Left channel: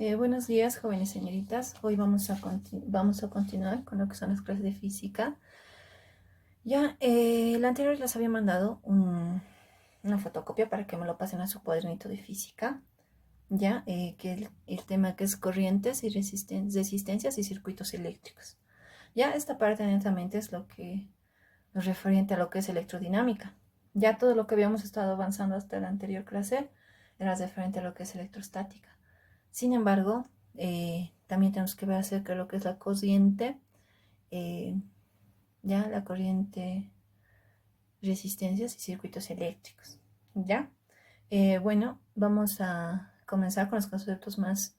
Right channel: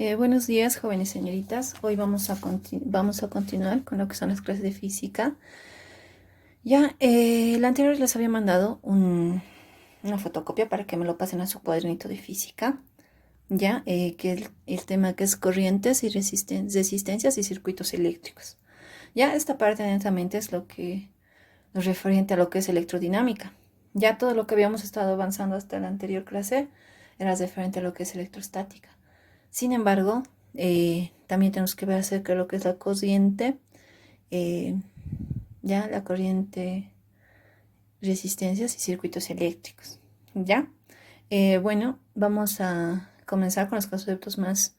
Buenos días, jóvenes señoritas. Hoy vamos a continuar con lo que son las clases de física. Ya, la anterior les había mandado una fotocopia para que me lo pasen a su cuadernito de física. Ya, que el tema que es corrientes y resistencias y circuitos eléctricos. Ya, esta parte netamente es lo referente a lo que es electrodinámica. Ya todo lo que habíamos estado avanzando hasta la anterior clase era referente a lo que es electrostática. Sin embargo, también tenemos que ver acerca de lo que es la corriente, eh, ya la corriente, resistencias y circuitos eléctricos. Ya, bueno, vamos a comenzar con los conceptos más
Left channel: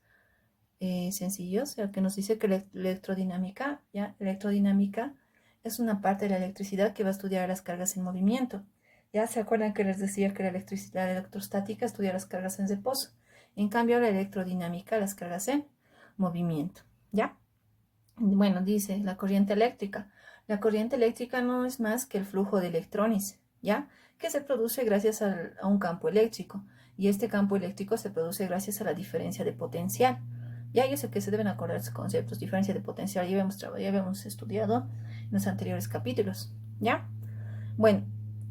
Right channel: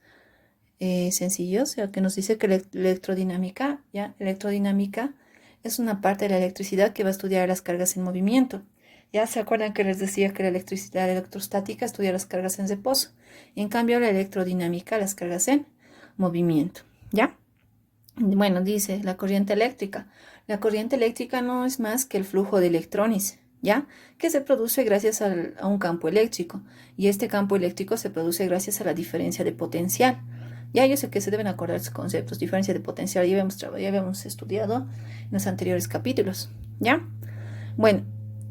sencillos, ya que nos dice que la electrodinámica es una parte de la electricidad que va a estudiar las cargas en movimiento. Ya se acuerdan que les decía que la electricidad electrostática estudia las cargas en reposo. En cambio, la electrodinámica, las cargas en movimiento. ¿Ya? Bueno, dice la corriente eléctrica. La corriente eléctrica no es más que el flujo de electrones, ¿ya? Que se produce gracias a un campo eléctrico. Y este campo eléctrico se produce gracias a la diferencia de potencial. Ya yo sé que se deben acordar esos conceptos. Diferencia de potencial ya habíamos estudiado en los anteriores capítulos, ¿ya? Bueno,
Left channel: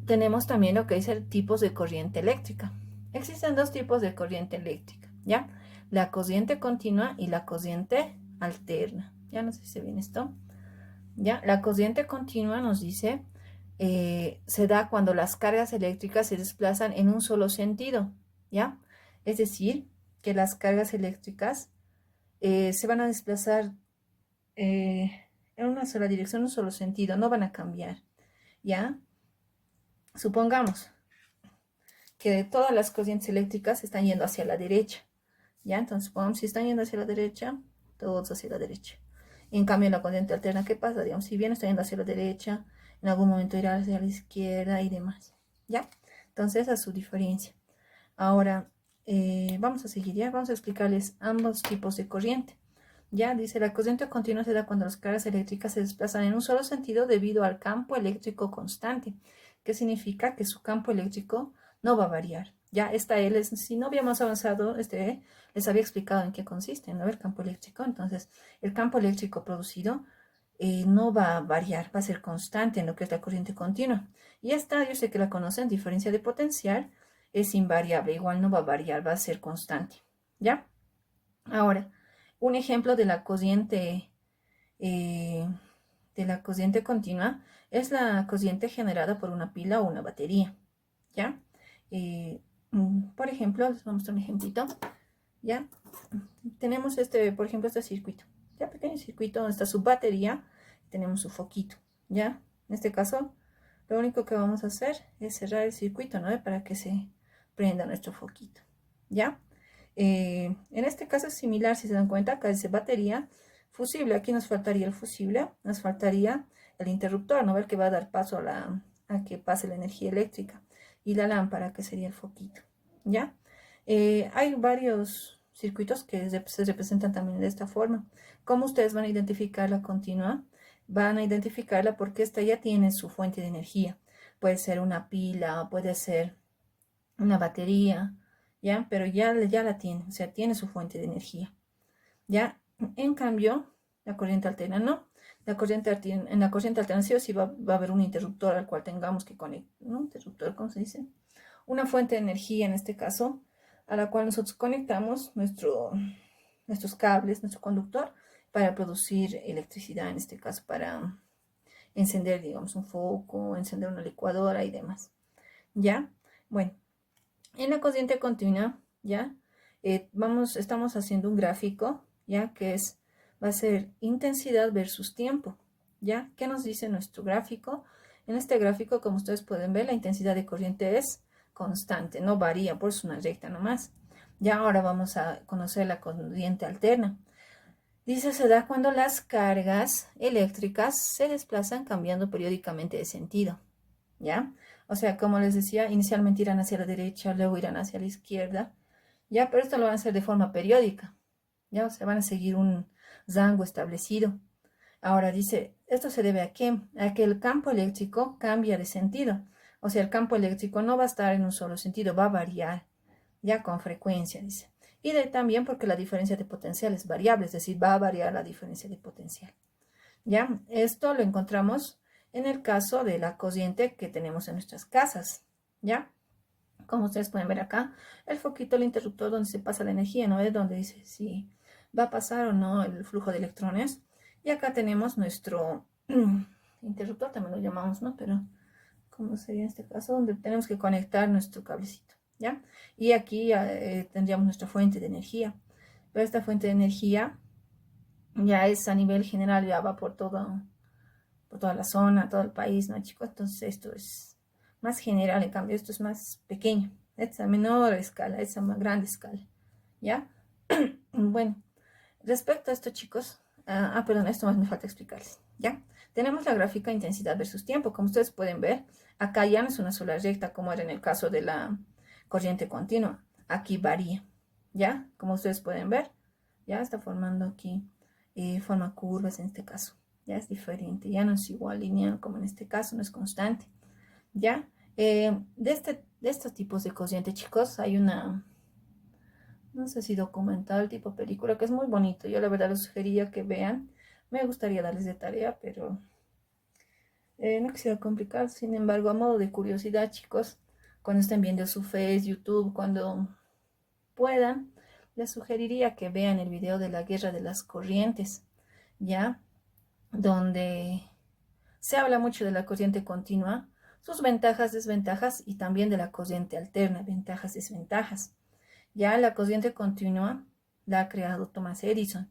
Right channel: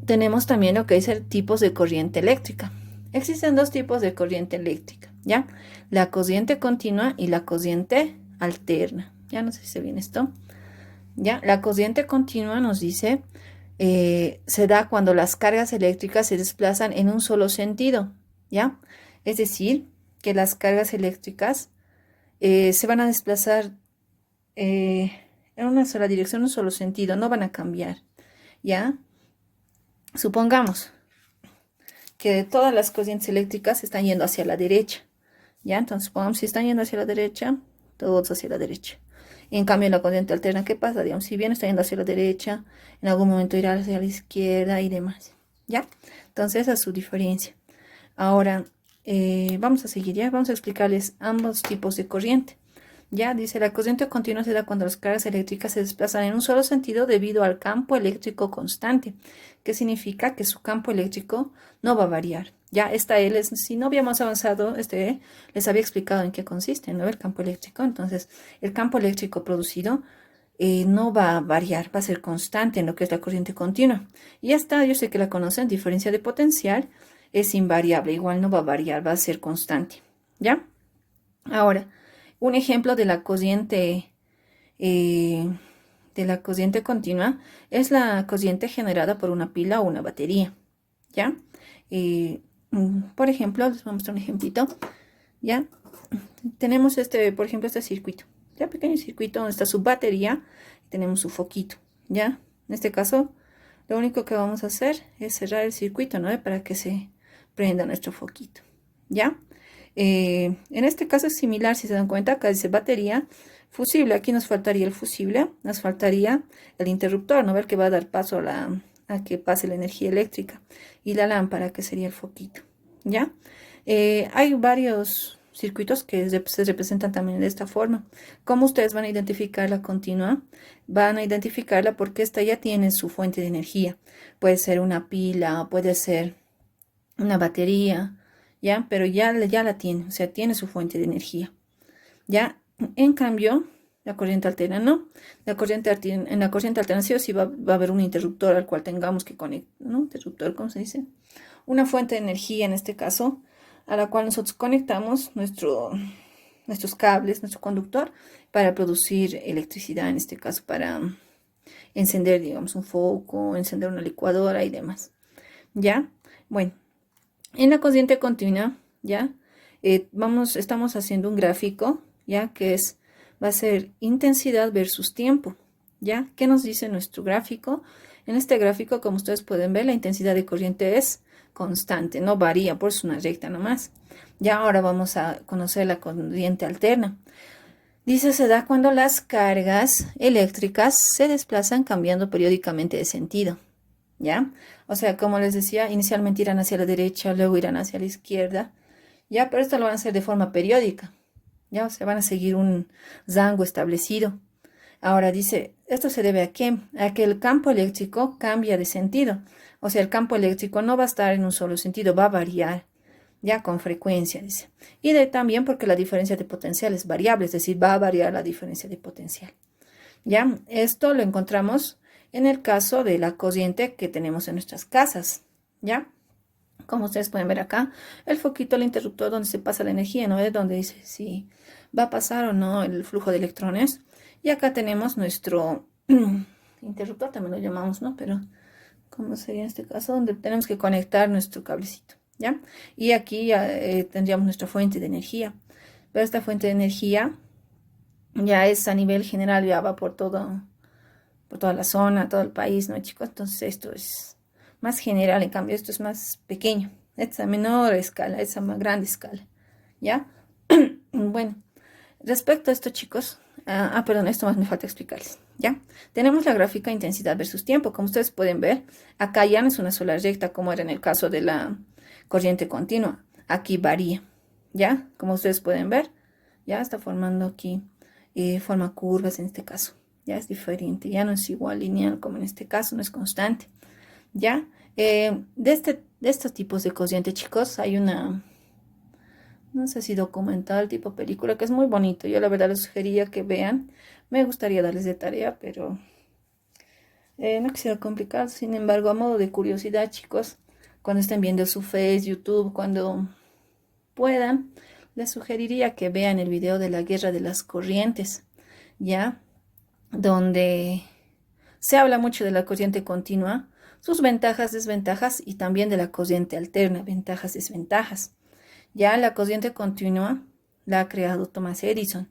tenemos también lo que es el tipos de corriente eléctrica. Existen dos tipos de corriente eléctrica, ¿ya? La corriente continua y la corriente alterna. Ya no sé si se viene esto. ¿Ya? La corriente continua nos dice, se da cuando las cargas eléctricas se desplazan en un solo sentido, ¿ya? Es decir, que las cargas eléctricas se van a desplazar en una sola dirección, en un solo sentido, no van a cambiar, ¿ya? Supongamos que todas las corrientes eléctricas están yendo hacia la derecha, ¿ya? Entonces, supongamos si están yendo hacia la derecha, todos hacia la derecha. En cambio, en la corriente alterna, ¿qué pasa? Digamos, si bien está yendo hacia la derecha, en algún momento irá hacia la izquierda y demás, ¿ya? Entonces, esa es su diferencia. Ahora, vamos a seguir, ¿ya? Vamos a explicarles ambos tipos de corriente. Ya, dice, la corriente continua se da cuando las cargas eléctricas se desplazan en un solo sentido debido al campo eléctrico constante, que significa que su campo eléctrico no va a variar. Ya, si no habíamos avanzado, les había explicado en qué consiste, ¿no? El campo eléctrico. Entonces, el campo eléctrico producido no va a variar, va a ser constante en lo que es la corriente continua. Y esta, yo sé que la conocen, diferencia de potencial, es invariable, igual no va a variar, va a ser constante. ¿Ya? Ahora, un ejemplo eh, de la corriente continua es la corriente generada por una pila o una batería, ¿ya? Por ejemplo, les voy a mostrar un ejemplito, ¿ya? Tenemos por ejemplo, este circuito, ¿ya? Pequeño circuito donde está su batería, tenemos su foquito, ¿ya? En este caso, lo único que vamos a hacer es cerrar el circuito, ¿no? Para que se prenda nuestro foquito, ¿ya? En este caso es similar, si se dan cuenta, acá dice batería, fusible, aquí nos faltaría el fusible, nos faltaría el interruptor, ¿no? Ver que va a dar paso a que pase la energía eléctrica, y la lámpara, que sería el foquito, ¿ya? Hay varios circuitos que se representan también de esta forma. ¿Cómo ustedes van a identificar la continua? Van a identificarla porque esta ya tiene su fuente de energía. Puede ser una pila, puede ser una batería, ¿ya? Pero ya la tiene, o sea, tiene su fuente de energía, ¿ya? En cambio, la corriente alterna no. En la corriente alterna sí o sí va a haber un interruptor al cual tengamos que conectar, ¿no? Interruptor, ¿cómo se dice? Una fuente de energía en este caso, a la cual nosotros conectamos nuestros cables, nuestro conductor, para producir electricidad, en este caso para encender, digamos, un foco, encender una licuadora y demás, ¿ya? Bueno, en la corriente continua, ¿ya? Estamos haciendo un gráfico, ¿ya? Va a ser intensidad versus tiempo, ¿ya? ¿Qué nos dice nuestro gráfico? En este gráfico, como ustedes pueden ver, la intensidad de corriente es constante, no varía, por eso es una recta nomás. Ya ahora vamos a conocer la corriente alterna. Dice, se da cuando las cargas eléctricas se desplazan cambiando periódicamente de sentido, ¿ya? O sea, como les decía, inicialmente irán hacia la derecha, luego irán hacia la izquierda, ¿ya? Pero esto lo van a hacer de forma periódica, ¿ya? O sea, van a seguir un rango establecido. Ahora dice, ¿esto se debe a qué? A que el campo eléctrico cambia de sentido. O sea, el campo eléctrico no va a estar en un solo sentido, va a variar, ya con frecuencia, dice. Y también porque la diferencia de potencial es variable, es decir, va a variar la diferencia de potencial. Ya, esto lo encontramos en el caso de la corriente que tenemos en nuestras casas, ¿ya? Como ustedes pueden ver acá, el foquito, el interruptor donde se pasa la energía, ¿no? Es donde dice si va a pasar o no el flujo de electrones. Y acá tenemos nuestro interruptor, también lo llamamos, ¿no? Pero, ¿cómo sería en este caso? Donde tenemos que conectar nuestro cablecito, ¿ya? Y aquí tendríamos nuestra fuente de energía. Pero esta fuente de energía ya es a nivel general, ya va por toda la zona, todo el país, ¿no, chicos? Entonces esto es más general, en cambio esto es más pequeño, es a menor escala, es a más grande escala, ¿ya? Bueno, respecto a esto, chicos, perdón, esto más me falta explicarles, ¿ya? Tenemos la gráfica intensidad versus tiempo, como ustedes pueden ver, acá ya no es una sola recta como era en el caso de la corriente continua, aquí varía, ¿ya? Como ustedes pueden ver, ya está formando aquí, forma curvas en este caso. Ya es diferente, ya no es igual lineal como en este caso, no es constante, ¿ya? De estos tipos de corriente, chicos, hay una, no sé si documental, tipo película, que es muy bonito. Yo la verdad les sugería que vean. Me gustaría darles de tarea, pero no quisiera complicar. Sin embargo, a modo de curiosidad, chicos, cuando estén viendo su Face, YouTube, cuando puedan, les sugeriría que vean el video de la guerra de las corrientes, ¿ya? Donde se habla mucho de la corriente continua, sus ventajas, desventajas y también de la corriente alterna, ventajas, desventajas. Ya la corriente continua la ha creado Thomas Edison.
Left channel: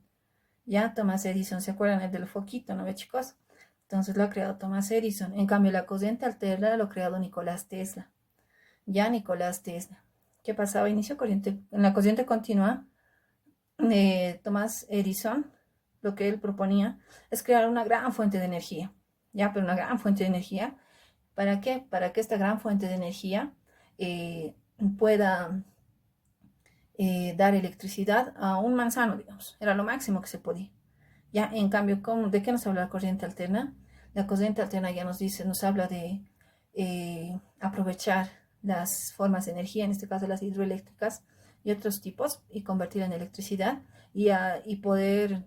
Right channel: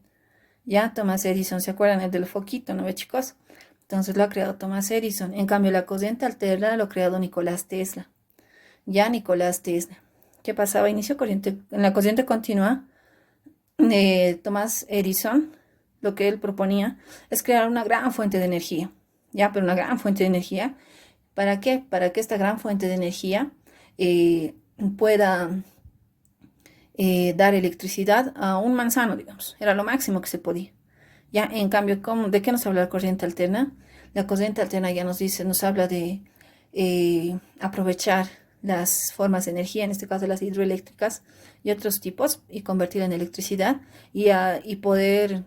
Ya Thomas Edison, ¿se acuerdan el del foquito, no ve, chicos? Entonces lo ha creado Thomas Edison. En cambio, la corriente alterna lo ha creado Nicolás Tesla. Ya Nicolás Tesla. ¿Qué pasaba? Inició corriente, en la corriente continua, Thomas Edison, lo que él proponía es crear una gran fuente de energía. Ya, pero una gran fuente de energía. ¿Para qué? Para que esta gran fuente de energía pueda dar electricidad a un manzano, digamos. Era lo máximo que se podía. Ya, en cambio, ¿de qué nos habla la corriente alterna? La corriente alterna ya nos dice, nos habla de aprovechar las formas de energía, en este caso las hidroeléctricas y otros tipos, y convertirla en electricidad y poder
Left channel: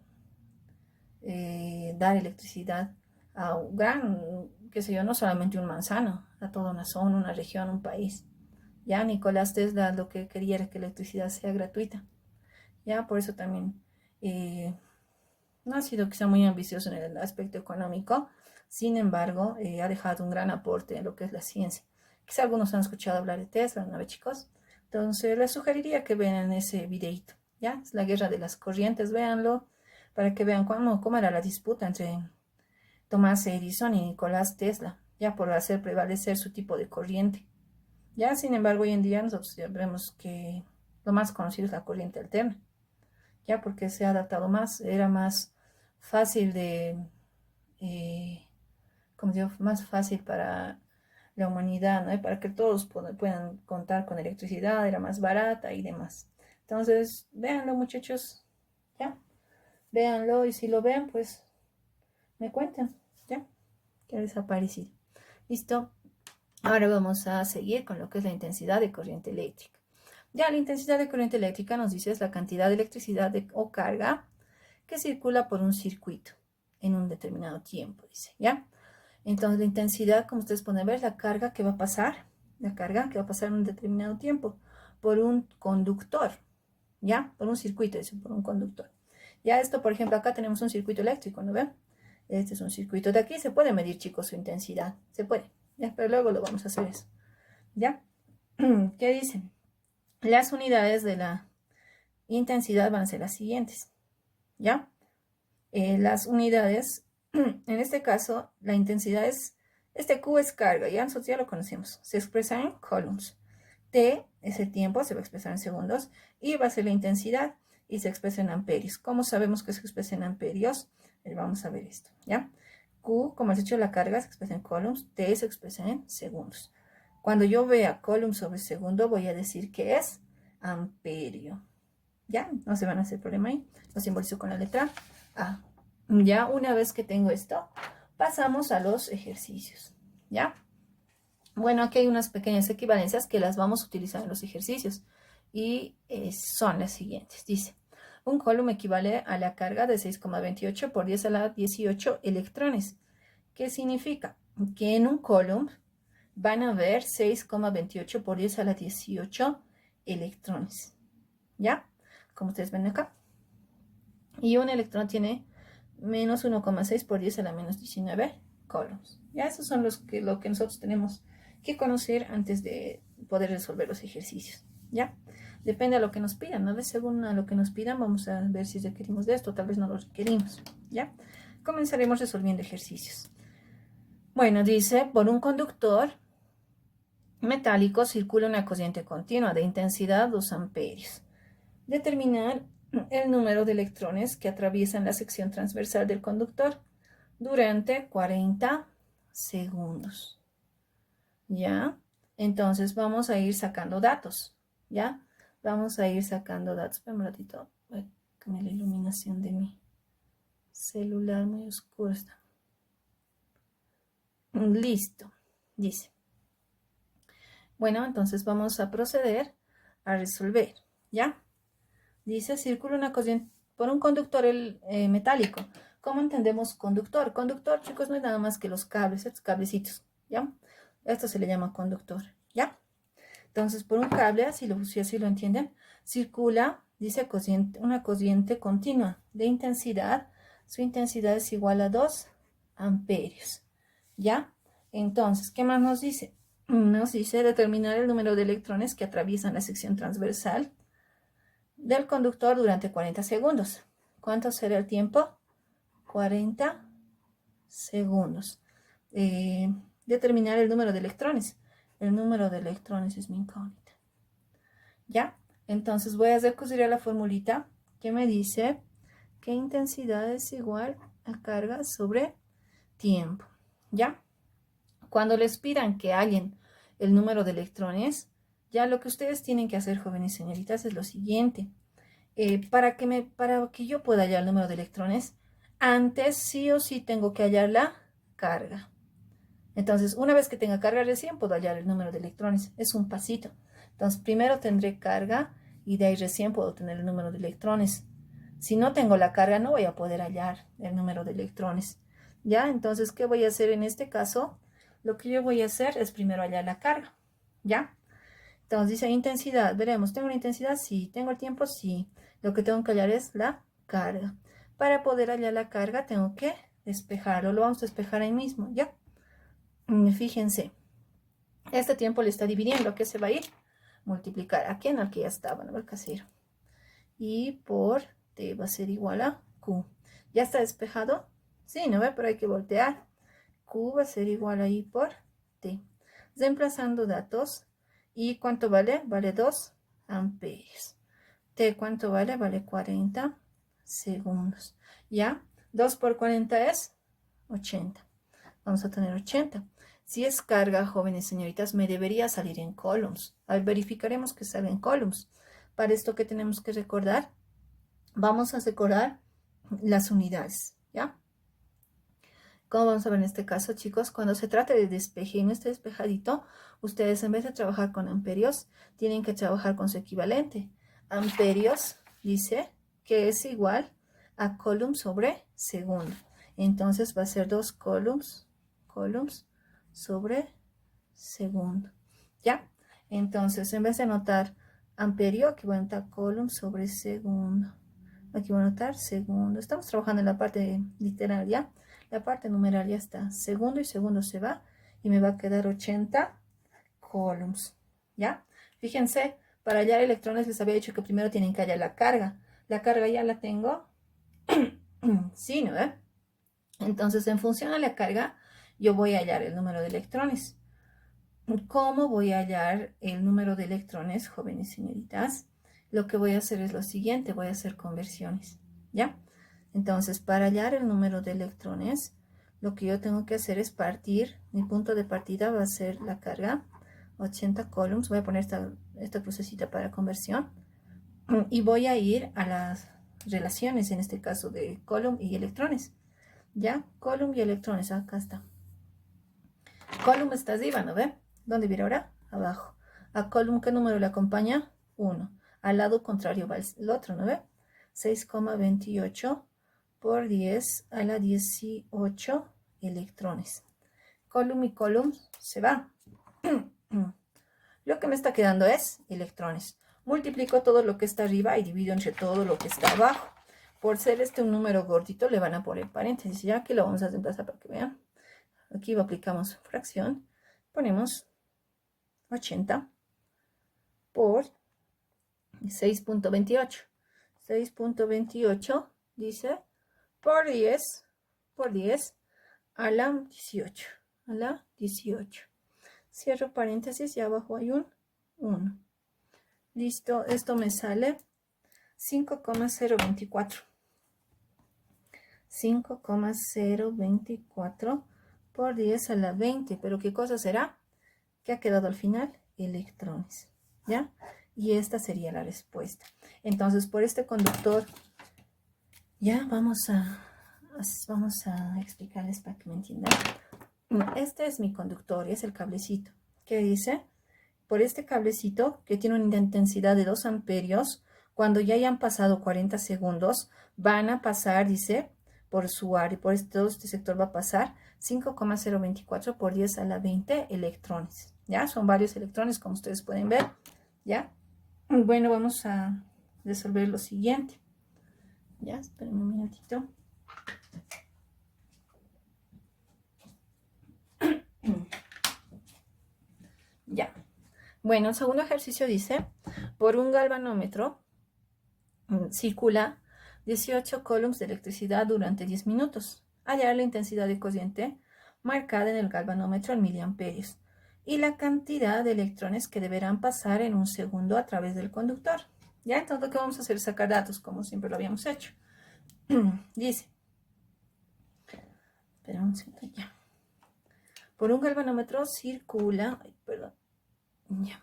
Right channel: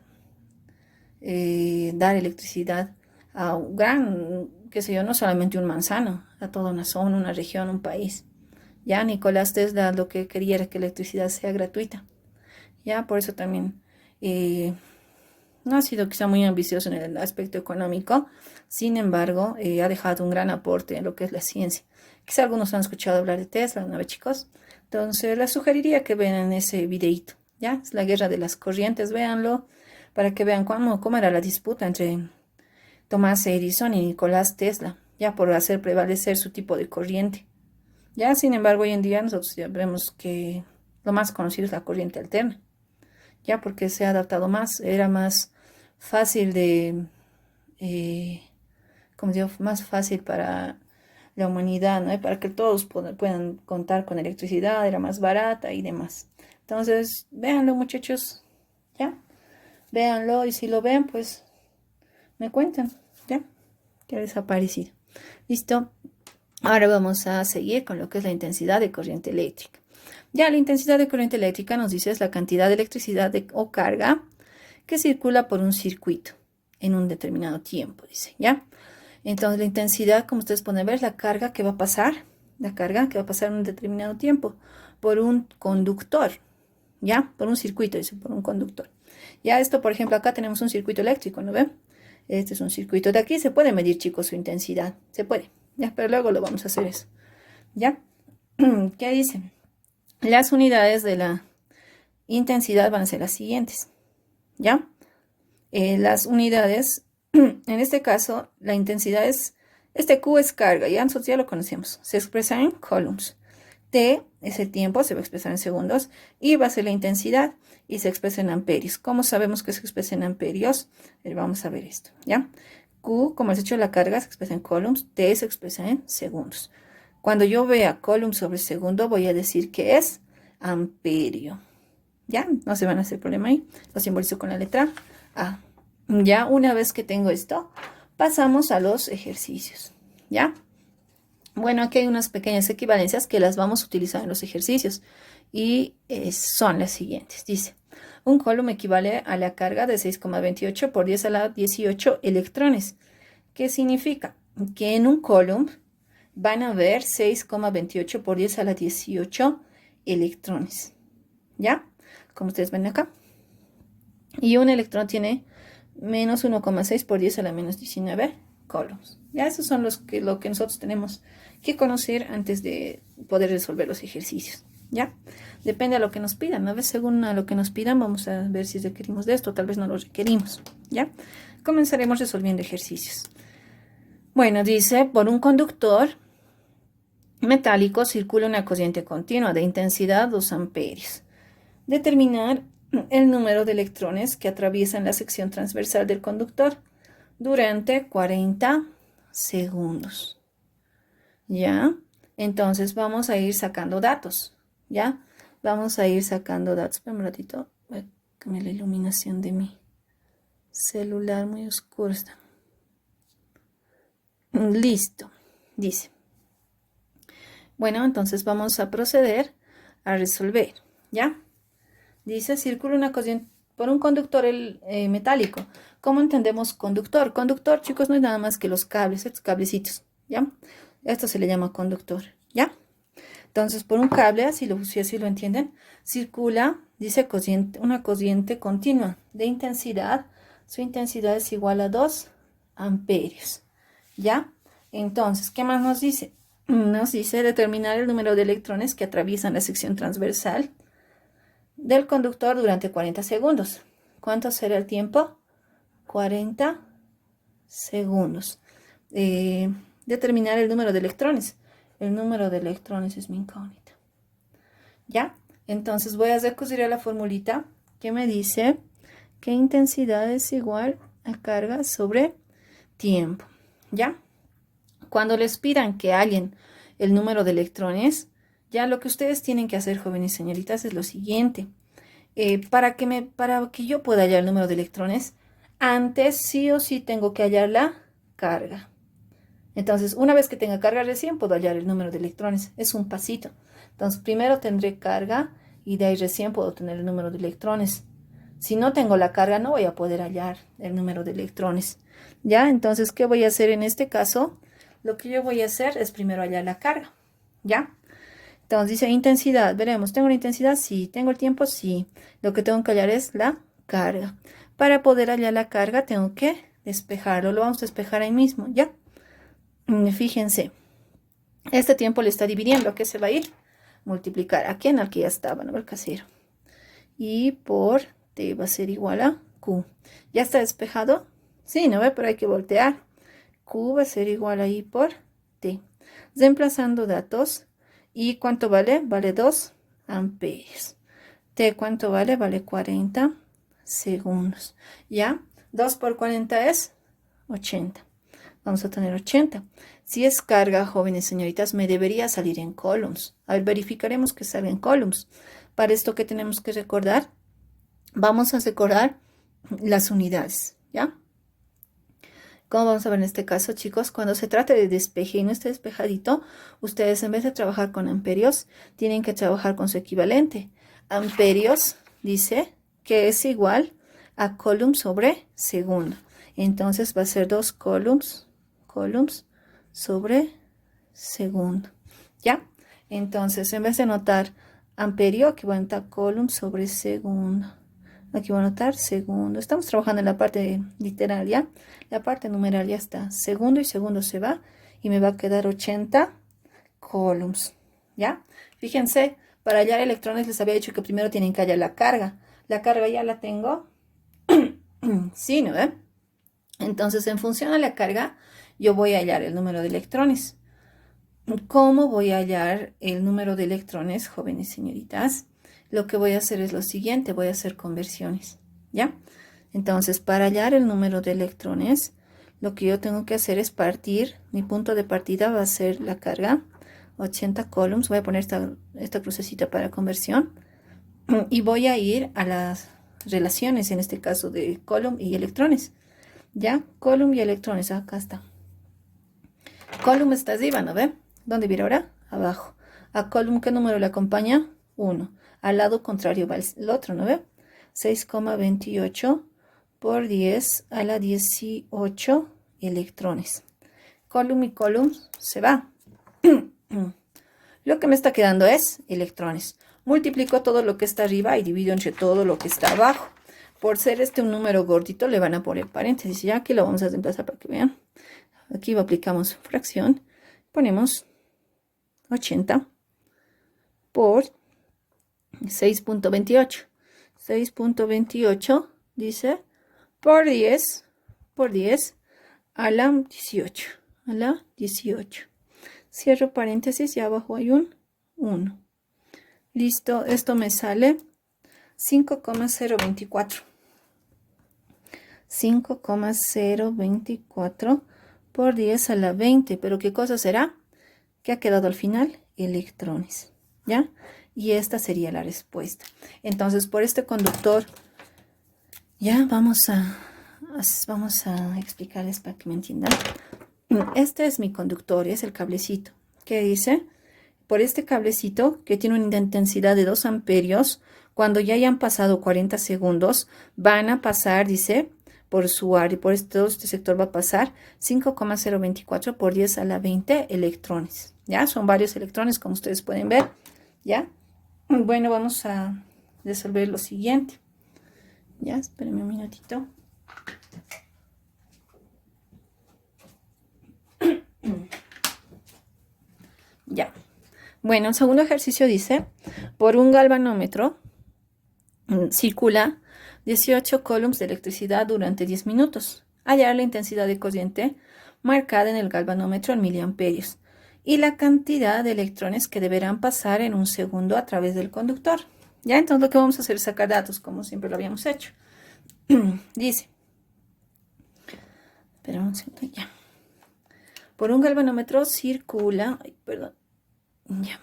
dar electricidad a un gran, qué sé yo, no solamente un manzano, a toda una zona, una región, un país. Ya Nicolás Tesla lo que quería era que la electricidad sea gratuita. Ya por eso también no ha sido quizá muy ambicioso en el aspecto económico, sin embargo, ha dejado un gran aporte en lo que es la ciencia. Quizá algunos han escuchado hablar de Tesla, ¿no ve, chicos? Entonces les sugeriría que vean ese videíto, ¿ya? Es la guerra de las corrientes, véanlo, para que vean cómo era la disputa entre Thomas Edison y Nicolás Tesla, ya por hacer prevalecer su tipo de corriente. Ya, sin embargo, hoy en día nosotros ya vemos que lo más conocido es la corriente alterna, ya porque se ha adaptado más, era más fácil eh, como digo, más fácil para la humanidad, ¿no? Y para que todos puedan contar con electricidad, era más barata y demás. Entonces, véanlo, muchachos, ¿ya? Véanlo y si lo ven, pues me cuentan, ¿ya? ¿Qué les ha parecido? ¿Listo? Ahora vamos a seguir con lo que es la intensidad de corriente eléctrica. Ya la intensidad de corriente eléctrica nos dice es la cantidad de electricidad o carga que circula por un circuito en un determinado tiempo, dice, ¿ya? Entonces la intensidad, como ustedes pueden ver, es la carga que va a pasar, en un determinado tiempo por un conductor, ¿ya? Por un circuito, dice, por un conductor. Ya esto, por ejemplo, acá tenemos un circuito eléctrico, ¿no ven? Este es un circuito de aquí, se puede medir, chicos, su intensidad, se puede, ¿ya? Pero luego lo vamos a hacer eso, ¿ya? ¿Qué dice? Las unidades de la intensidad van a ser las siguientes, ¿ya? Las unidades, en este caso, la intensidad es, este Q es carga, ya nosotros ya lo conocemos, se expresa en coulombs. T es el tiempo, se va a expresar en segundos, y va a ser la intensidad, y se expresa en amperios. ¿Cómo sabemos que se expresa en amperios? Vamos a ver esto, ¿ya? Q, como has hecho la carga, se expresa en coulombs, T se expresa en segundos. Cuando yo vea coulomb sobre segundo, voy a decir que es amperio. ¿Ya? No se van a hacer problema ahí. Lo simbolizo con la letra A. Ya, una vez que tengo esto, pasamos a los ejercicios. ¿Ya? Bueno, aquí hay unas pequeñas equivalencias que las vamos a utilizar en los ejercicios. y son las siguientes. Dice, un coulomb equivale a la carga de 6,28 por 10 a la 18 electrones. ¿Qué significa? Que en un coulomb van a haber 6,28 por 10 a la 18 electrones. ¿Ya? Como ustedes ven acá. Y un electrón tiene menos 1,6 por 10 a la menos 19 coulombs. Ya, esos son lo que nosotros tenemos que conocer antes de poder resolver los ejercicios. ¿Ya? Depende a lo que nos pidan. A veces, según a lo que nos pidan, vamos a ver si requerimos de esto. Tal vez no lo requerimos. ¿Ya? Comenzaremos resolviendo ejercicios. Bueno, dice, por un conductor metálico circula una corriente continua de intensidad 2 amperios. Determinar el número de electrones que atraviesan la sección transversal del conductor durante 40 segundos. ¿Ya? Entonces vamos a ir sacando datos. ¿Ya? Vamos a ir sacando datos. Espera un ratito. Voy a cambiar la iluminación de mi celular, muy oscuro está. Listo. Dice. Bueno, entonces vamos a proceder a resolver. ¿Ya? Dice, circula una corriente por un conductor metálico. ¿Cómo entendemos conductor? Conductor, chicos, no es nada más que los cables, estos cablecitos, ¿ya? Esto se le llama conductor, ¿ya? Entonces, por un cable, si así lo entienden, circula, dice, una corriente continua de intensidad. Su intensidad es igual a 2 amperios, ¿ya? Entonces, ¿qué más nos dice? Nos dice determinar el número de electrones que atraviesan la sección transversal del conductor durante 40 segundos. ¿Cuánto será el tiempo? 40 segundos. Determinar el número de electrones. El número de electrones es mi incógnita. ¿Ya? Entonces voy a recurrir a la formulita que me dice que intensidad es igual a carga sobre tiempo. ¿Ya? Cuando les pidan que hallen el número de electrones, ya lo que ustedes tienen que hacer, jóvenes y señoritas, es lo siguiente. Para que yo pueda hallar el número de electrones, antes sí o sí tengo que hallar la carga. Entonces, una vez que tenga carga recién, puedo hallar el número de electrones. Es un pasito. Entonces, primero tendré carga y de ahí recién puedo tener el número de electrones. Si no tengo la carga, no voy a poder hallar el número de electrones. ¿Ya? Entonces, ¿qué voy a hacer en este caso? Lo que yo voy a hacer es primero hallar la carga. ¿Ya? Entonces dice intensidad, veremos, ¿tengo la intensidad? Sí. ¿Tengo el tiempo? Sí. Lo que tengo que hallar es la carga. Para poder hallar la carga tengo que despejarlo, lo vamos a despejar ahí mismo, ¿ya? Fíjense, este tiempo le está dividiendo, ¿a qué se va a ir? Multiplicar, ¿a quién? Al que ya estaba, ¿no? El casero. Y por T va a ser igual a Q. ¿Ya está despejado? Sí, ¿no ve? Pero hay que voltear. Q va a ser igual a I por T. Reemplazando datos. ¿Y cuánto vale? Vale 2 amperios. T, ¿cuánto vale? Vale 40 segundos. ¿Ya? 2 por 40 es 80. Vamos a tener 80. Si es carga, jóvenes señoritas, me debería salir en coulombs. A ver, verificaremos que salga en coulombs. Para esto, ¿qué tenemos que recordar? Vamos a recordar las unidades, ¿ya? Como vamos a ver en este caso, chicos, cuando se trate de despeje y no esté despejadito, ustedes en vez de trabajar con amperios, tienen que trabajar con su equivalente. Amperios dice que es igual a coulomb sobre segundo. Entonces va a ser 2 coulombs sobre segundo. ¿Ya? Entonces, en vez de anotar amperio, aquí voy a anotar coulomb sobre segundo. Aquí voy a anotar segundo. Estamos trabajando en la parte literal, ¿ya? La parte numeral ya está. Segundo y segundo se va. Y me va a quedar 80 coulombs, ¿ya? Fíjense, para hallar electrones les había dicho que primero tienen que hallar la carga. La carga ya la tengo. Sí, ¿no? Entonces, en función a la carga, yo voy a hallar el número de electrones. ¿Cómo voy a hallar el número de electrones, jóvenes señoritas? Lo que voy a hacer es lo siguiente, voy a hacer conversiones, ¿ya? Entonces, para hallar el número de electrones, lo que yo tengo que hacer es partir, mi punto de partida va a ser la carga, 80 coulombs, voy a poner esta crucecita para conversión, y voy a ir a las relaciones, en este caso de coulomb y electrones, ¿ya? Coulomb y electrones, acá está. Coulomb está arriba, ¿no ve? ¿Dónde viene ahora? Abajo. A coulomb, ¿qué número le acompaña? 1. al lado contrario va el otro, ¿no ve? 6,28 por 10 a la 18 electrones. Column y column se va. Lo que me está quedando es electrones. Multiplico todo lo que está arriba y divido entre todo lo que está abajo. Por ser este un número gordito, le van a poner paréntesis. Ya aquí lo vamos a reemplazar para que vean. Aquí aplicamos fracción. Ponemos 80 por 6,28. 6,28 dice por 10 a la 18. A la 18. Cierro paréntesis y abajo hay un 1. Listo, esto me sale 5,024. 5,024 por 10 a la 20. ¿Pero qué cosa será? ¿Qué ha quedado al final? Electrones. ¿Ya? Y esta sería la respuesta. Entonces, por este conductor, ya vamos a explicarles para que me entiendan. Este es mi conductor, es el cablecito. ¿Qué dice? Por este cablecito, que tiene una intensidad de 2 amperios, cuando ya hayan pasado 40 segundos, van a pasar, dice, por su área, por este sector va a pasar 5,024 por 10 a la 20 electrones. ¿Ya? Son varios electrones, como ustedes pueden ver. ¿Ya? Bueno, vamos a resolver lo siguiente. ¿Ya? Espérenme un minutito. Ya. Bueno, el segundo ejercicio dice, por un galvanómetro circula 18 coulombs de electricidad durante 10 minutos. Hallar la intensidad de corriente marcada en el galvanómetro en miliamperios y la cantidad de electrones que deberán pasar en un segundo a través del conductor. Ya, entonces lo que vamos a hacer es sacar datos, como siempre lo habíamos hecho. Dice, espera un segundo, ya. Por un galvanómetro circula, ya.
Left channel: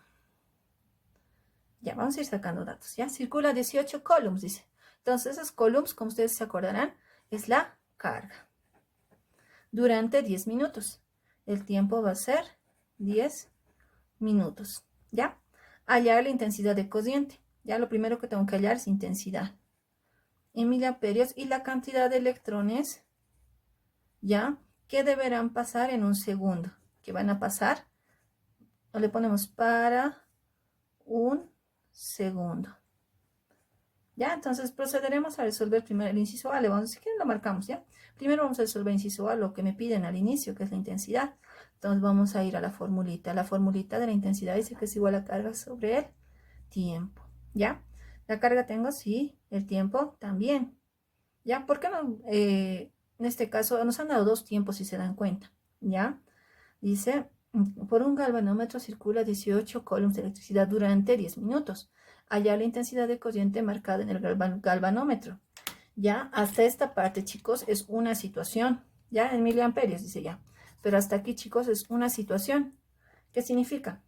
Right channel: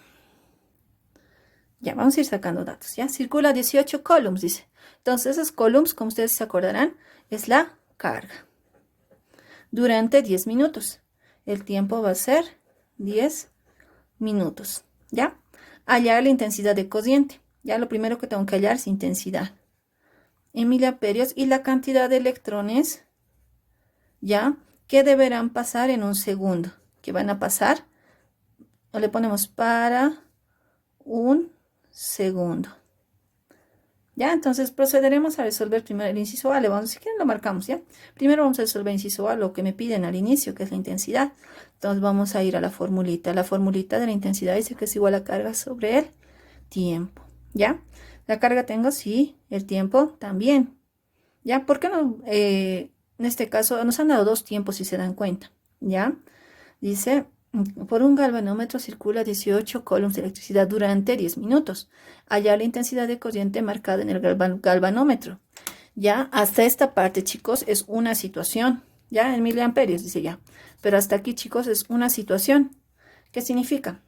Ya, vamos a ir sacando datos, ¿ya? Circula 18 coulombs, dice. Entonces, esos coulombs, como ustedes se acordarán, es la carga. Durante 10 minutos. El tiempo va a ser 10 minutos, ¿ya? Hallar la intensidad de corriente. Ya, lo primero que tengo que hallar es intensidad. En miliamperios y la cantidad de electrones, ¿ya? Que deberán pasar en un segundo. Que van a pasar, o le ponemos para un segundo. Ya, entonces procederemos a resolver primero el inciso A. Si quieren lo marcamos, ¿ya? Primero vamos a resolver el inciso A, lo que me piden al inicio, que es la intensidad. Entonces vamos a ir a la formulita. La formulita de la intensidad dice que es igual a carga sobre el tiempo, ¿ya? La carga tengo, sí, el tiempo también, ¿ya? ¿Por qué no? En este caso nos han dado dos tiempos, si se dan cuenta, ¿ya? Dice, por un galvanómetro circula 18 coulombs de electricidad durante 10 minutos. Hallar la intensidad de corriente marcada en el galvanómetro. Ya, hasta esta parte, chicos, es una situación. Ya, en miliamperios, dice ya. Pero hasta aquí, chicos, es una situación. ¿Qué significa?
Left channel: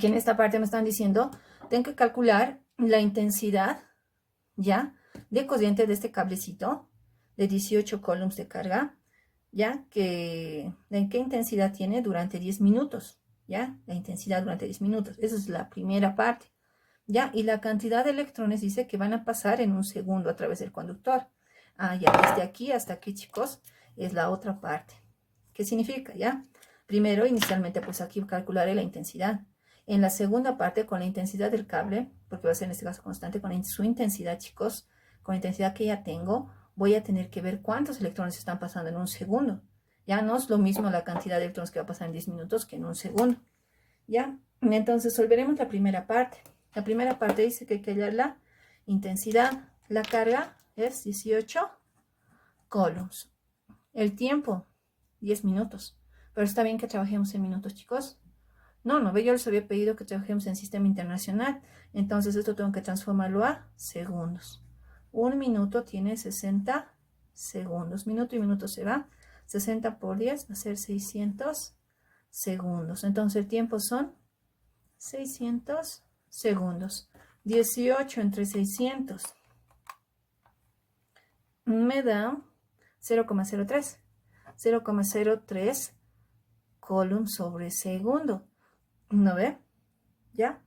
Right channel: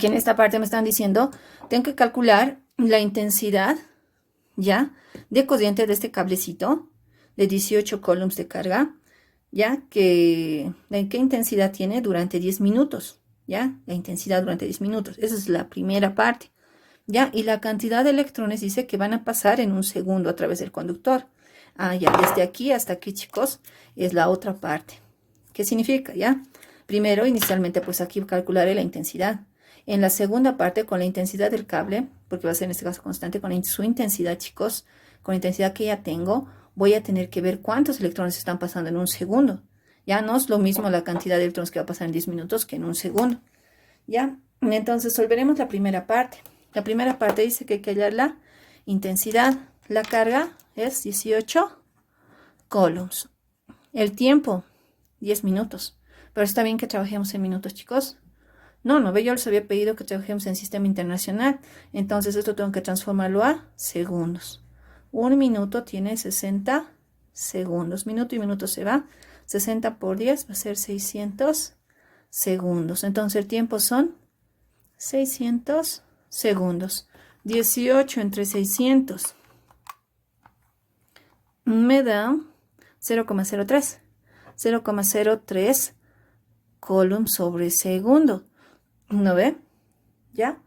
Que en esta parte me están diciendo, tengo que calcular la intensidad, ya, de corriente de este cablecito de 18 coulombs de carga. ¿Ya? ¿Qué intensidad tiene durante 10 minutos? ¿Ya? La intensidad durante 10 minutos. Esa es la primera parte. ¿Ya? Y la cantidad de electrones dice que van a pasar en un segundo a través del conductor. Ah, ya, desde aquí hasta aquí, chicos, es la otra parte. ¿Qué significa? ¿Ya? Primero, inicialmente, pues aquí calcularé la intensidad. En la segunda parte, con la intensidad del cable, porque va a ser en este caso constante, con su intensidad, chicos, con la intensidad que ya tengo, voy a tener que ver cuántos electrones están pasando en un segundo. Ya no es lo mismo la cantidad de electrones que va a pasar en 10 minutos que en un segundo. ¿Ya? Entonces, resolveremos la primera parte. La primera parte dice que hay que hallar la intensidad. La carga es 18 coulombs. El tiempo, 10 minutos. Pero está bien que trabajemos en minutos, chicos. No, yo les había pedido que trabajemos en sistema internacional. Entonces, esto tengo que transformarlo a segundos. Un minuto tiene 60 segundos. Minuto y minuto se va. 60 por 10 va a ser 600 segundos. Entonces, el tiempo son 600 segundos. 18 entre 600 me da 0,03. 0,03 coulombs sobre segundo. ¿No ve? ¿Ya?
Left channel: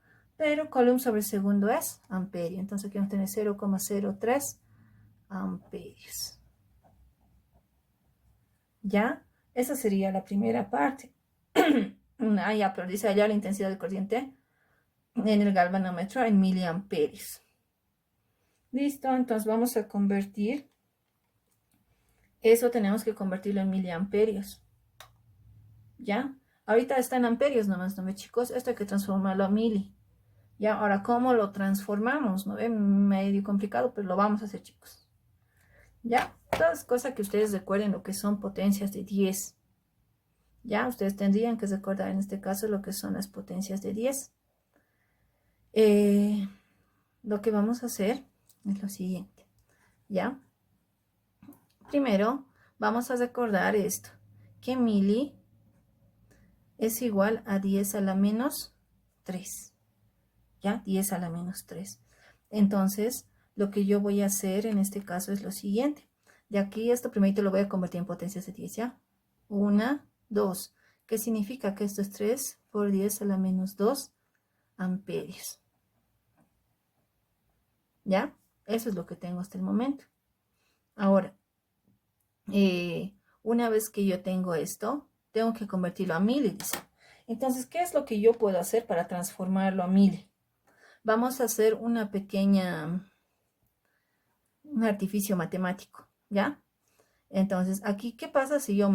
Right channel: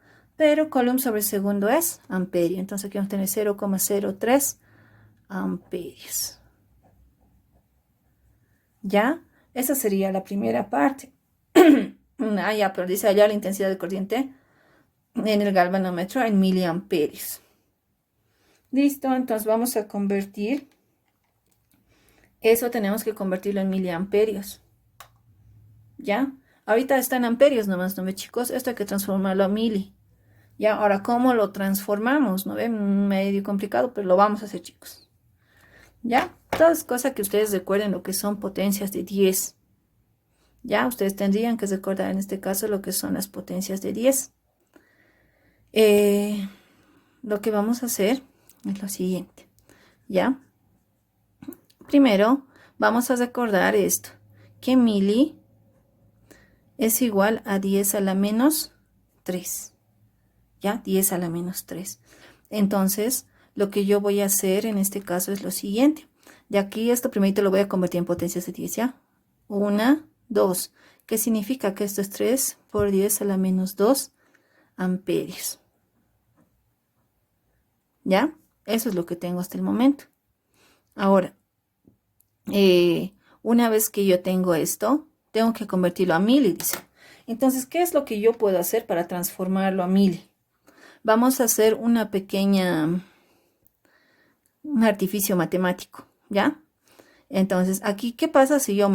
pero Coulomb sobre segundo es amperio. Entonces aquí vamos a tener 0,03 amperios. ¿Ya? Esa sería la primera parte. Ya, pero dice allá la intensidad de corriente en el galvanómetro en miliamperios. Listo, entonces vamos a convertir. Eso tenemos que convertirlo en miliamperios. ¿Ya? Ahorita está en amperios nomás, ¿no ve, chicos? Esto hay que transformarlo a mili. ¿Ya? Ahora, ¿cómo lo transformamos? ¿No ve? Medio complicado, pero lo vamos a hacer, chicos. ¿Ya? Todas cosas que ustedes recuerden lo que son potencias de 10. ¿Ya? Ustedes tendrían que recordar en este caso lo que son las potencias de 10. Lo que vamos a hacer es lo siguiente. ¿Ya? Primero, vamos a recordar esto. Que mili es igual a 10 a la menos 3. ¿Ya? 10 a la menos 3. Entonces, lo que yo voy a hacer en este caso es lo siguiente. De aquí esto primero lo voy a convertir en potencias de 10, ¿ya? 1, 2. ¿Qué significa? Que esto es 3 por 10 a la menos 2 amperios. ¿Ya? Eso es lo que tengo hasta el momento. Ahora, una vez que yo tengo esto, tengo que convertirlo a mili, dice. Entonces, ¿qué es lo que yo puedo hacer para transformarlo a mili? Vamos a hacer una pequeña, un artificio matemático, ¿ya? Entonces, aquí, ¿qué pasa si yo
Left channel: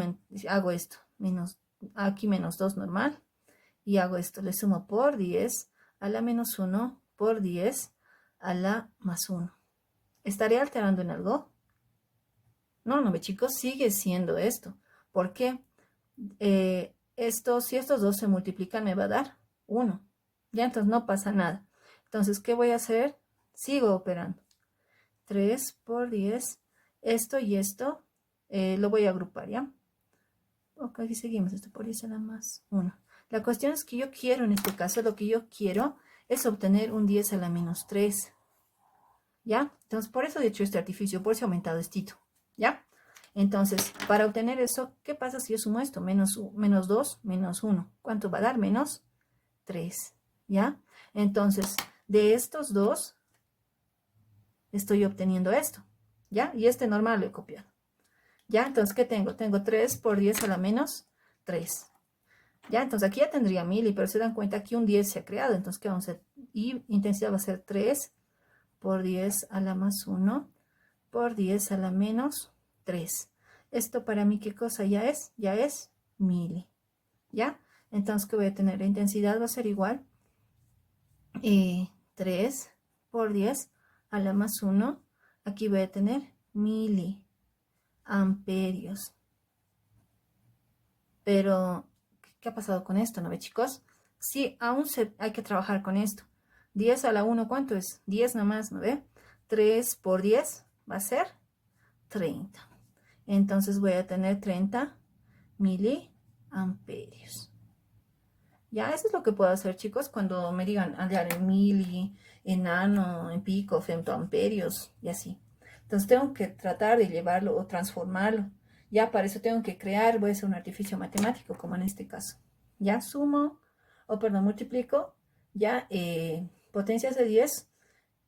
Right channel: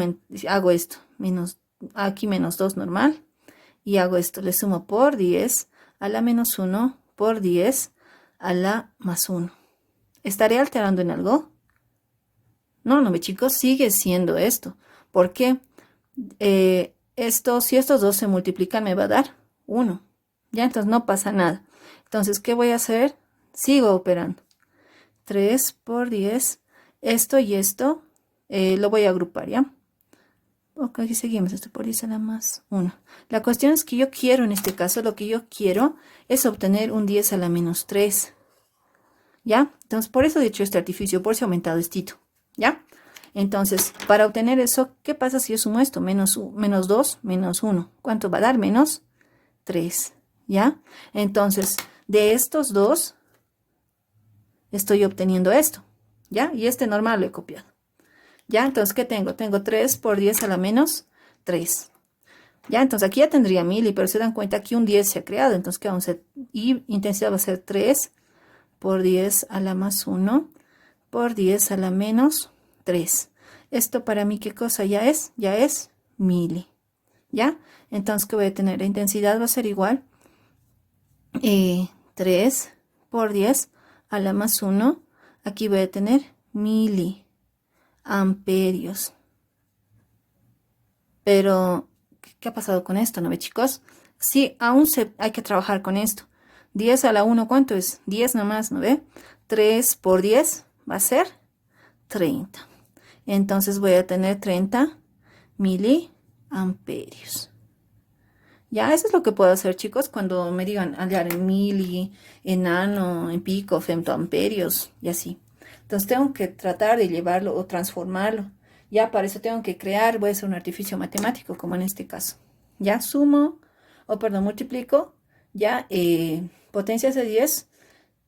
hago esto? Aquí menos 2 normal. Y hago esto, le sumo por 10 a la menos 1 por 10 a la más 1. ¿Estaré alterando en algo? No, no, chicos, sigue siendo esto. ¿Por qué? Si estos dos se multiplican, me va a dar 1. Ya, entonces no pasa nada. Entonces, ¿qué voy a hacer? Sigo operando. 3 por 10. Esto y esto lo voy a agrupar, ¿ya? Ok, aquí seguimos. Esto por 10 a la más 1. La cuestión es que yo quiero, en este caso, lo que yo quiero es obtener un 10 a la menos 3. ¿Ya? Entonces, por eso he hecho este artificio, por si he aumentado estito. ¿Ya? Entonces, para obtener eso, ¿qué pasa si yo sumo esto? Menos 2, menos 1. ¿Cuánto va a dar? Menos 3. ¿Ya? Entonces, de estos dos, estoy obteniendo esto. ¿Ya? Y este normal lo he copiado. ¿Ya? Entonces, ¿qué tengo? Tengo 3 por 10 a la menos 3. ¿Ya? Entonces, aquí ya tendría mili, pero se dan cuenta que un 10 se ha creado. Entonces, ¿qué vamos a hacer? Y intensidad va a ser 3 por 10 a la más 1 por 10 a la menos 3. Esto para mí, ¿qué cosa ya es? Ya es mili. ¿Ya? Entonces, ¿qué voy a tener? La intensidad va a ser igual 3 por 10 a la más 1. Aquí voy a tener miliamperios. Pero, ¿qué ha pasado con esto, no ve, chicos? Sí, aún hay que trabajar con esto. 10 a la 1, ¿cuánto es? 10 nomás, ¿no ve? 3 por 10 va a ser 30. Entonces voy a tener 30 miliamperios. Ya, eso es lo que puedo hacer, chicos, cuando me digan hallar en mili, en nano, en pico, femtoamperios y así. Entonces tengo que tratar de llevarlo o transformarlo. Ya, para eso tengo que crear, voy a hacer un artificio matemático, como en este caso. Ya, multiplico, ya, potencias de 10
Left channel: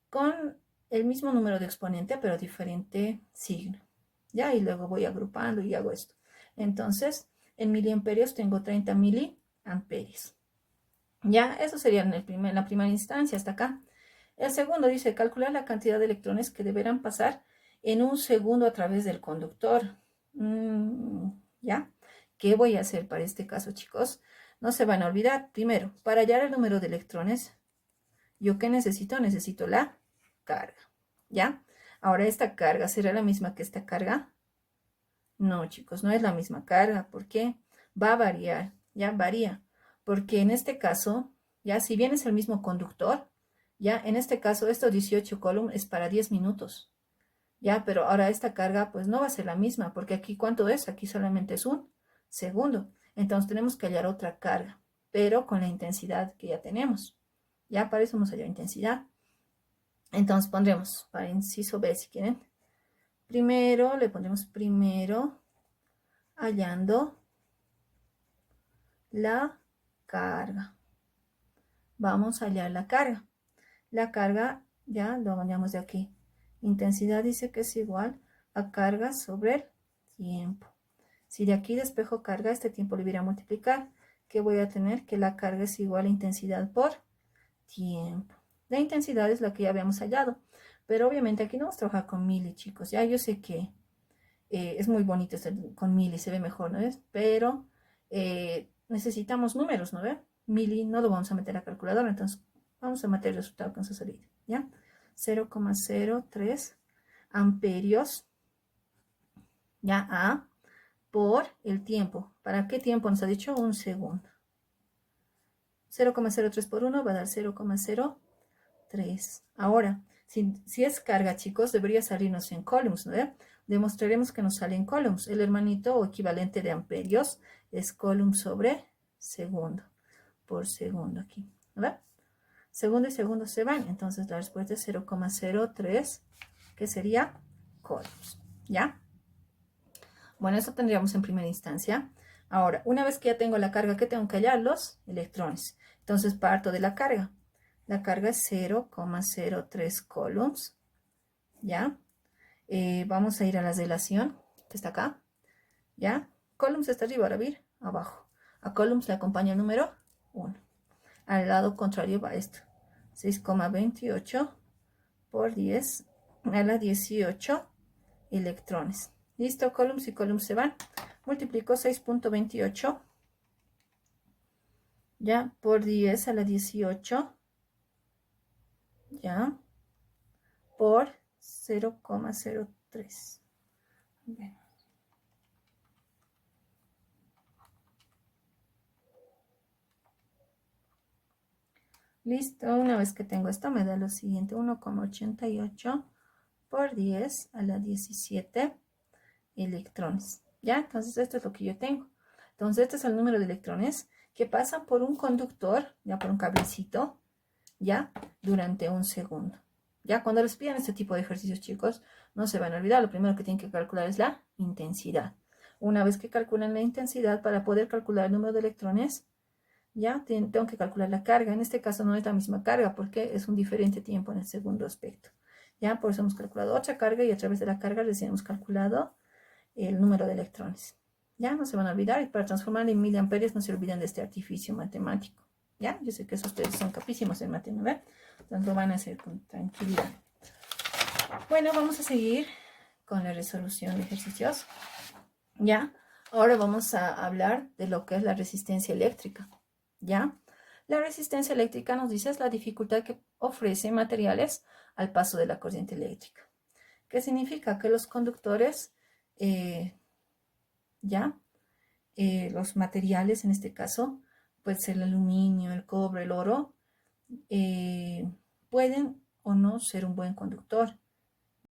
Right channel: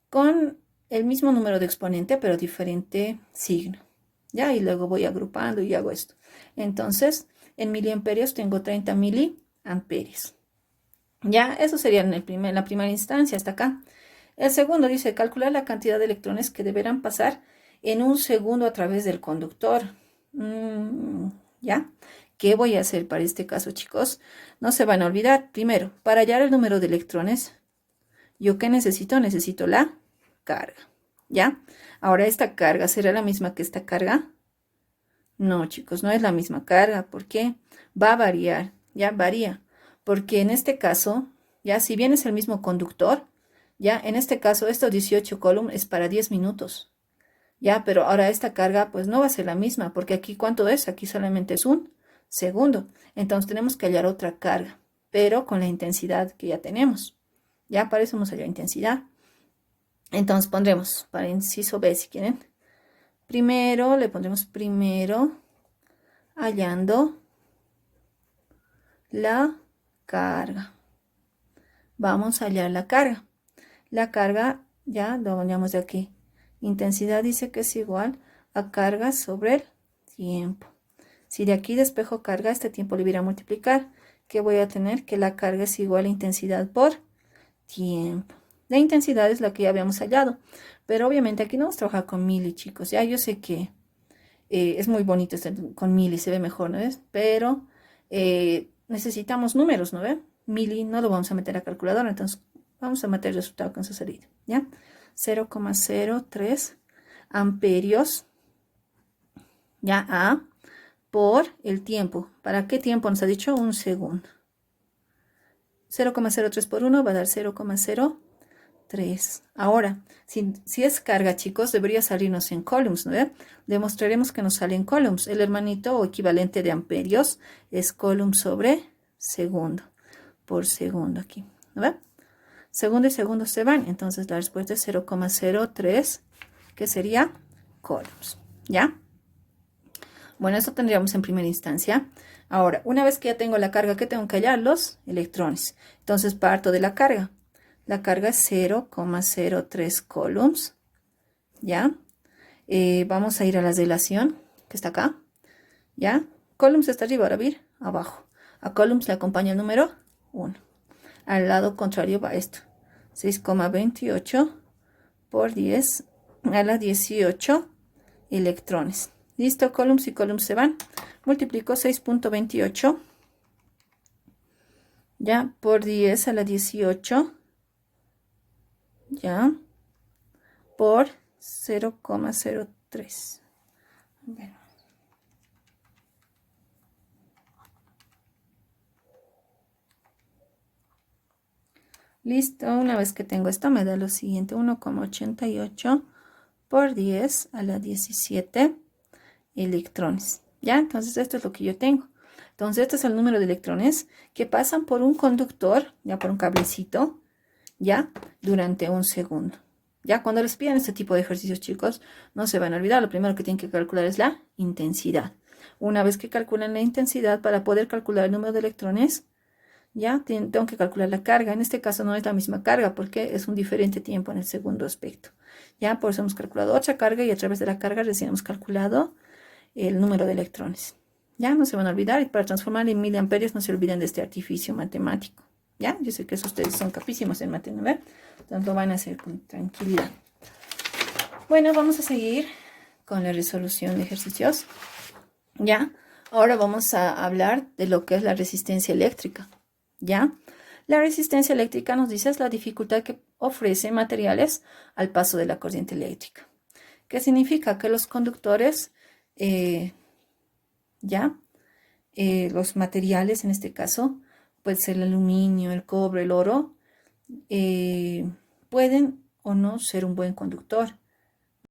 con el mismo número de exponente, pero diferente signo. Ya, y luego voy agrupando y hago esto. Entonces, en miliamperios tengo 30 miliamperios. Ya, eso sería en la primera instancia, hasta acá. El segundo dice, calcular la cantidad de electrones que deberán pasar en un segundo a través del conductor. ¿Ya? ¿Qué voy a hacer para este caso, chicos? No se van a olvidar. Primero, para hallar el número de electrones, ¿yo qué necesito? Necesito la carga. ¿Ya? Ahora, ¿esta carga será la misma que esta carga? No, chicos, no es la misma carga. ¿Por qué? Va a variar. Ya varía. Porque en este caso, ya si bien es el mismo conductor, ya en este caso estos 18 Coulomb es para 10 minutos. Ya, pero ahora esta carga pues no va a ser la misma, porque aquí ¿cuánto es? Aquí solamente es un segundo. Entonces tenemos que hallar otra carga, pero con la intensidad que ya tenemos. Ya para eso vamos a hallar intensidad. Entonces pondremos para inciso B si quieren. Primero le pondremos primero hallando la carga. vamos a hallar la carga. La carga, ya lo hallamos de aquí. Intensidad dice que es igual a carga sobre el tiempo. Si de aquí despejo carga, este tiempo le voy a multiplicar. ¿Qué voy a tener? Que la carga es igual a intensidad por tiempo. La intensidad es la que ya habíamos hallado. Pero obviamente aquí no vamos a trabajar con mili, chicos. Ya yo sé que es muy bonito con mili, se ve mejor, ¿no ves? Pero necesitamos números, ¿no ves? Mili no lo vamos a meter a calculadora, entonces vamos a meter el resultado con su salida, ¿ya? 0,03 amperios, ya, A, por el tiempo. ¿Para qué tiempo nos ha dicho? Un segundo. 0,03 por 1 va a dar 0,03. Ahora, si es carga, chicos, debería salirnos en coulombs, ¿no? Demostraremos que nos sale en coulombs. El hermanito o equivalente de amperios es coulomb sobre segundo, por segundo aquí, ¿no? Segundo y segundo se van, entonces la respuesta es 0,03, que sería coulombs, ¿ya? Bueno, eso tendríamos en primera instancia. Ahora, una vez que ya tengo la carga, ¿qué tengo que hallar? Los electrones. Entonces parto de la carga. La carga es 0,03 coulombs, ¿ya? Vamos a ir a la relación, que está acá, ¿ya? Coulombs está arriba, ahora vir abajo. A coulombs le acompaña el número 1. Al lado contrario va esto. 6,28 por 10 a la 18 electrones. Listo, coulombs y coulombs se van. Multiplico 6,28 ya por 10 a la 18 ya por 0,03. Bueno. Listo, una vez que tengo esto me da lo siguiente, 1,88 por 10 a la 17 electrones. ¿Ya? Entonces esto es lo que yo tengo. Entonces este es el número de electrones que pasan por un conductor, ya por un cablecito, ya, durante un segundo. Ya cuando les pidan este tipo de ejercicios, chicos, no se van a olvidar. Lo primero que tienen que calcular es la intensidad. Una vez que calculan la intensidad, para poder calcular el número de electrones, ya tengo que calcular la carga. En este caso no es la misma carga porque es un diferente tiempo en el segundo aspecto. Ya, por eso hemos calculado otra carga y a través de la carga recién hemos calculado el número de electrones. Ya, no se van a olvidar. Y para transformar en miliamperios no se olviden de este artificio matemático. Ya, yo sé que eso ustedes son capísimos en matemáticas, entonces lo van a hacer con tranquilidad. Bueno, vamos a seguir con la resolución de ejercicios. Ya, ahora vamos a hablar de lo que es la resistencia eléctrica. ¿Ya? La resistencia eléctrica nos dice es la dificultad que ofrece materiales al paso de la corriente eléctrica. ¿Qué significa? Que los conductores, los materiales en este caso, puede ser el aluminio, el cobre, el oro, pueden o no ser un buen conductor.